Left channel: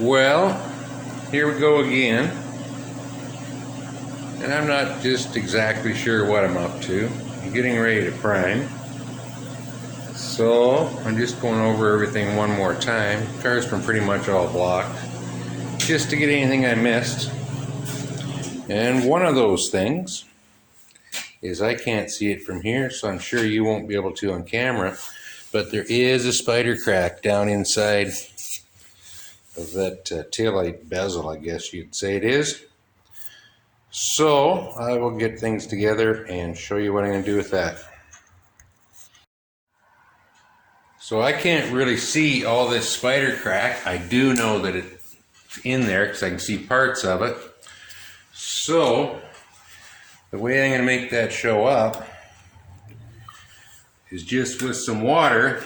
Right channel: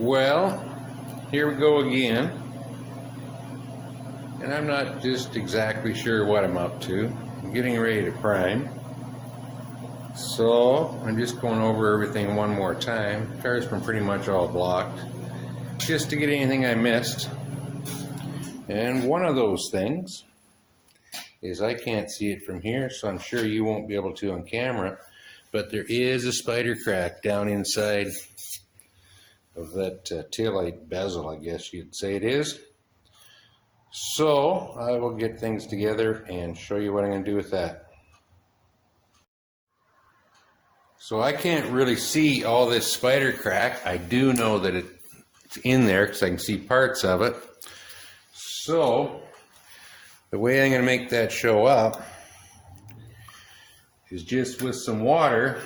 Well, here we go again. And I'm not just exactly sure what I'm up to. I'm getting ready to prime. So I'm just going over everything one more time. The car's been pretty much all blocked, just to get anything I missed. And one of those things is I can't see it from here, so I'm sure you won't be able to on camera, but there is a spider crack down inside of that taillight bezel, I guess you'd say it is. So I will get things together and show you what I'm going to do with that. So I can't really see all this spider crack. I do know that it's in there because I can see parts of it. So the way I'm going to make that show up is just with some water,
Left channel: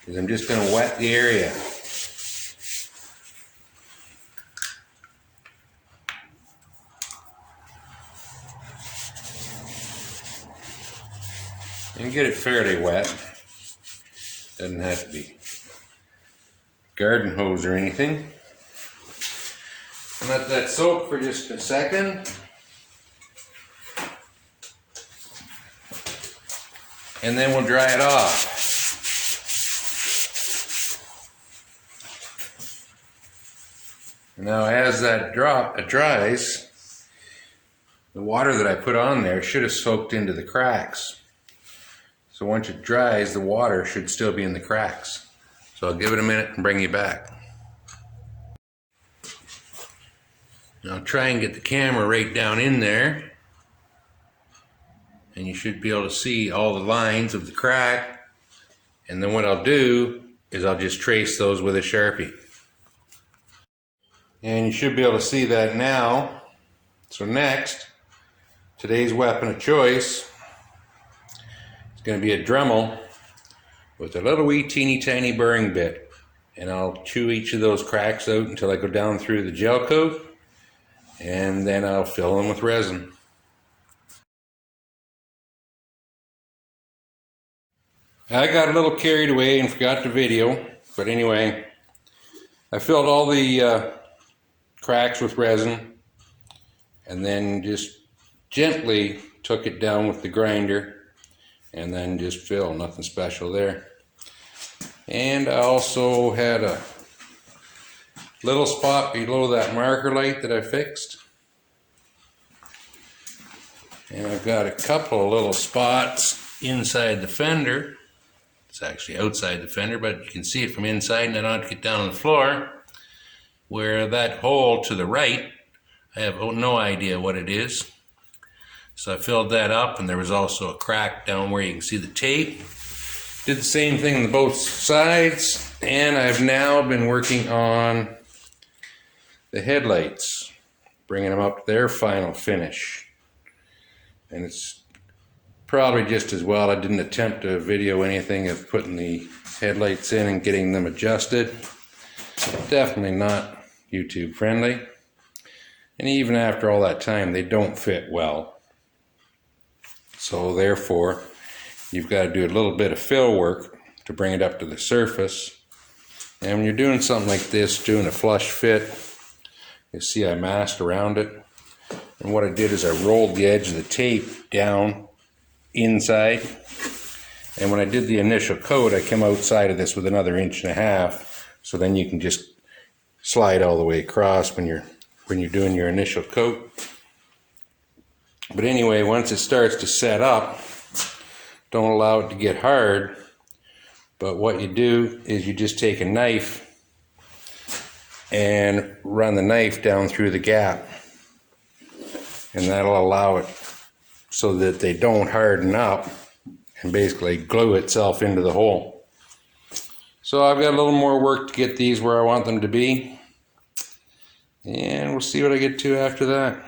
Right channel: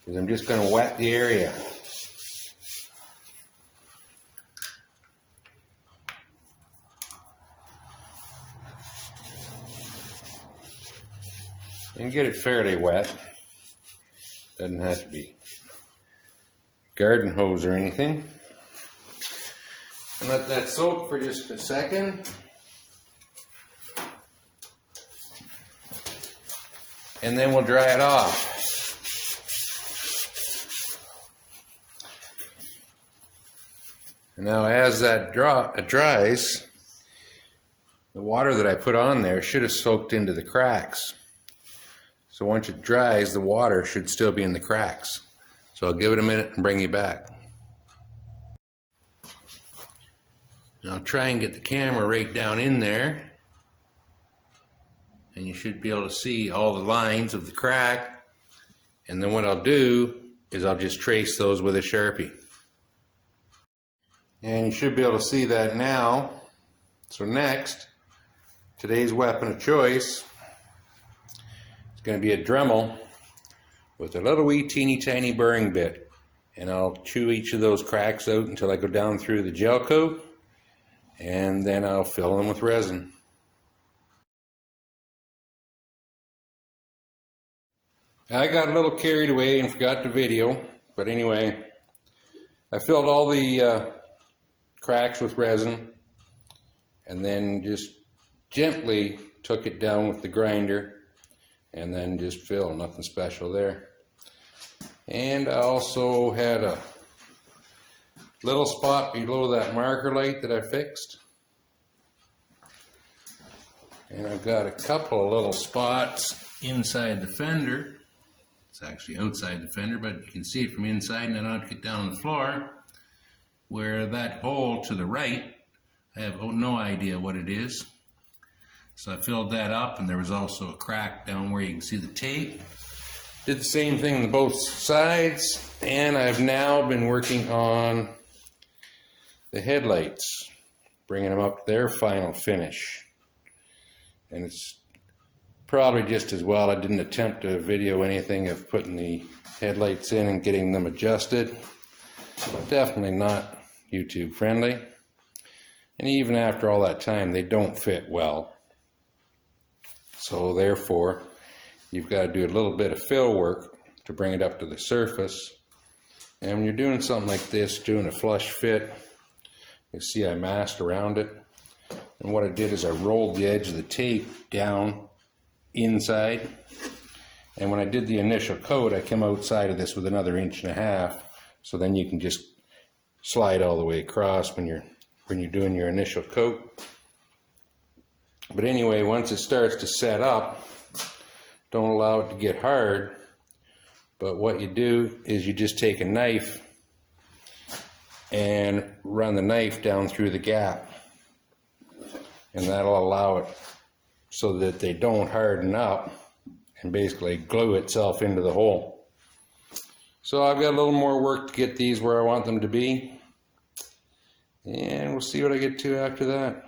because I'm just going to wet the area. And get it fairly wet. Doesn't have to be garden hose or anything. And let that soak for just a second. And then we'll dry it off. And now as that dries, the water that I put on there should have soaked into the cracks. So once it dries, the water should still be in the cracks. So I'll give it a minute and bring you back. Now I'll try and get the camera right down in there. And you should be able to see all the lines of the crack. And then what I'll do is I'll just trace those with a Sharpie. And you should be able to see that now. So next, today's weapon of choice is going to be a Dremel with a little wee teeny tiny burring bit. And I'll chew each of those cracks out until I go down through the gel coat. And then I'll fill them with resin. I got a little carried away and forgot the video, but anyway, I filled all the cracks with resin and then just gently took it down with the grinder and then just fill, nothing special there. And I also had a little spot below that marker light that I fixed. And I've got a couple of little spots inside the fender. It's actually outside the fender, but you can see it from inside, and I don't have to get down on the floor. Where that hole to the right, I have no idea what it is. So I filled that up, and there was also a crack down where you can see the tape. Did the same thing on both sides, and I've now been working on the headlights, bringing them up to their final finish. And it's probably just as well I didn't attempt to video anything of putting the headlights in and getting them adjusted. Definitely not YouTube friendly. And even after all that time, they don't fit well. So therefore, you've got to do a little bit of fill work to bring it up to the surface. And when you're doing something like this, doing a flush fit, you see I masked around it. And what I did is I rolled the edge of the tape down inside, and when I did the initial coat, I came outside of this with another 1.5 inches, so then you can just slide all the way across when you're doing your initial coat. But anyway, once it starts to set up, don't allow it to get hard, but what you do is you just take a knife and run the knife down through the gap, and that'll allow it so that they don't harden up and basically glue itself into the hole. So I've got a little more work to get these where I want them to be, and we'll see what I get to after that.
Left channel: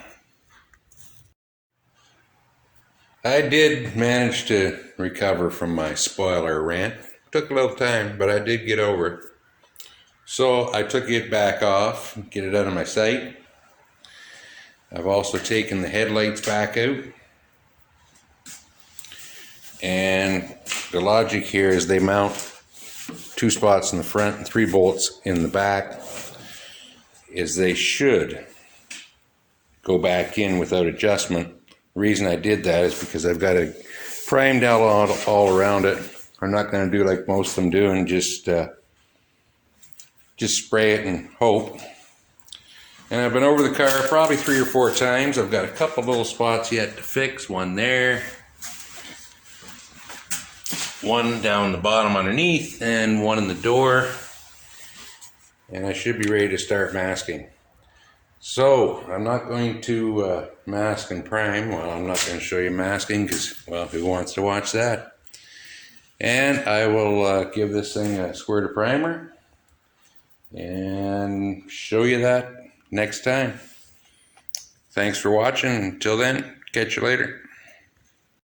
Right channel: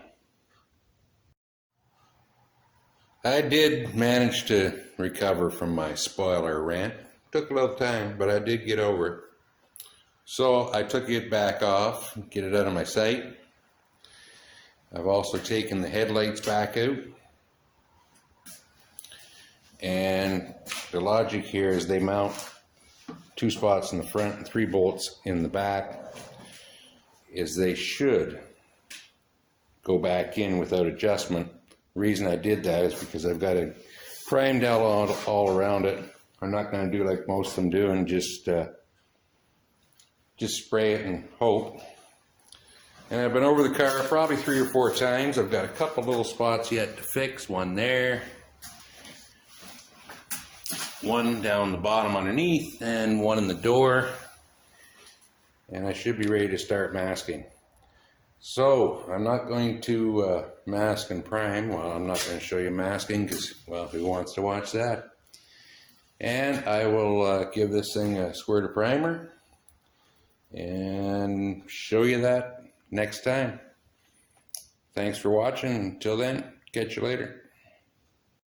I did manage to recover from my spoiler rant. Took a little time, but I did get over it. So I took it back off, get it out of my sight. I've also taken the headlights back out. And the logic here is they mount to 2 spots in the front and 3 bolts in the back, is they should go back in without adjustment. The reason I did that is because I've got it primed out all around it. I'm not going to do like most of them do and just spray it and hope. And I've been over the car probably 3 or 4 times. I've got a couple little spots yet to fix. One there, one down the bottom underneath, and one in the door. And I should be ready to start masking. So I'm not going to mask and prime. Well, I'm not going to show you masking because, well, who wants to watch that? And I will give this thing a squirt of primer and show you that next time. Thanks for watching. Until then, catch you later.